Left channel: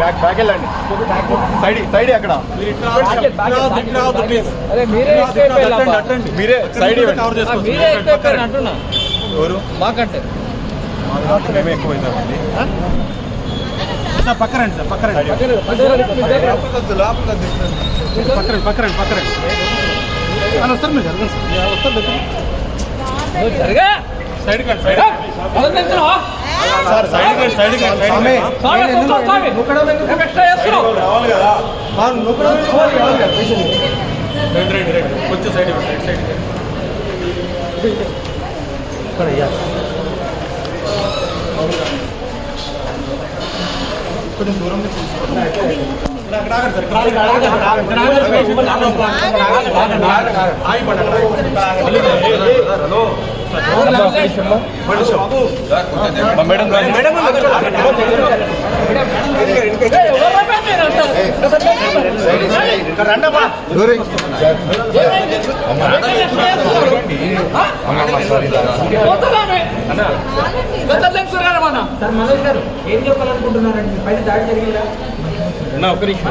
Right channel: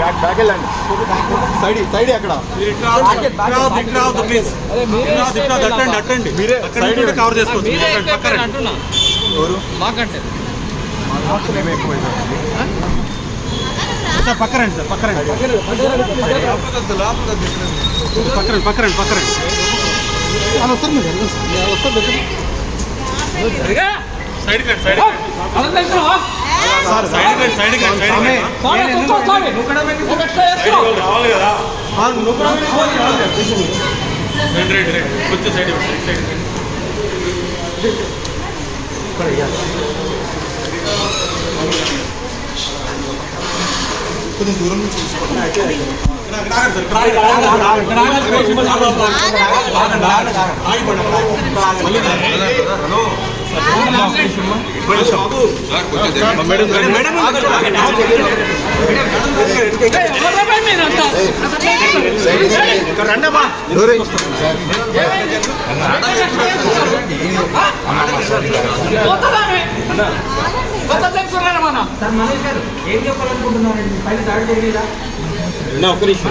back వెళ్ళండి side అక్కడ మీరే సైడ్ కవర్ చేసుకోవచ్చు ఎవరు మాకంటే సార్ పక్కరండి సార్ పక్కరండి వస్తారు మీరు సైడ్ కట్ సైడ్ సైడ్ కొంచెం సైడ్ కొంచెం దూరం ఏం చెప్పాలనుకుంటున్నారండి పైన దాడి జరిగేదా ఒక్క నిమిషం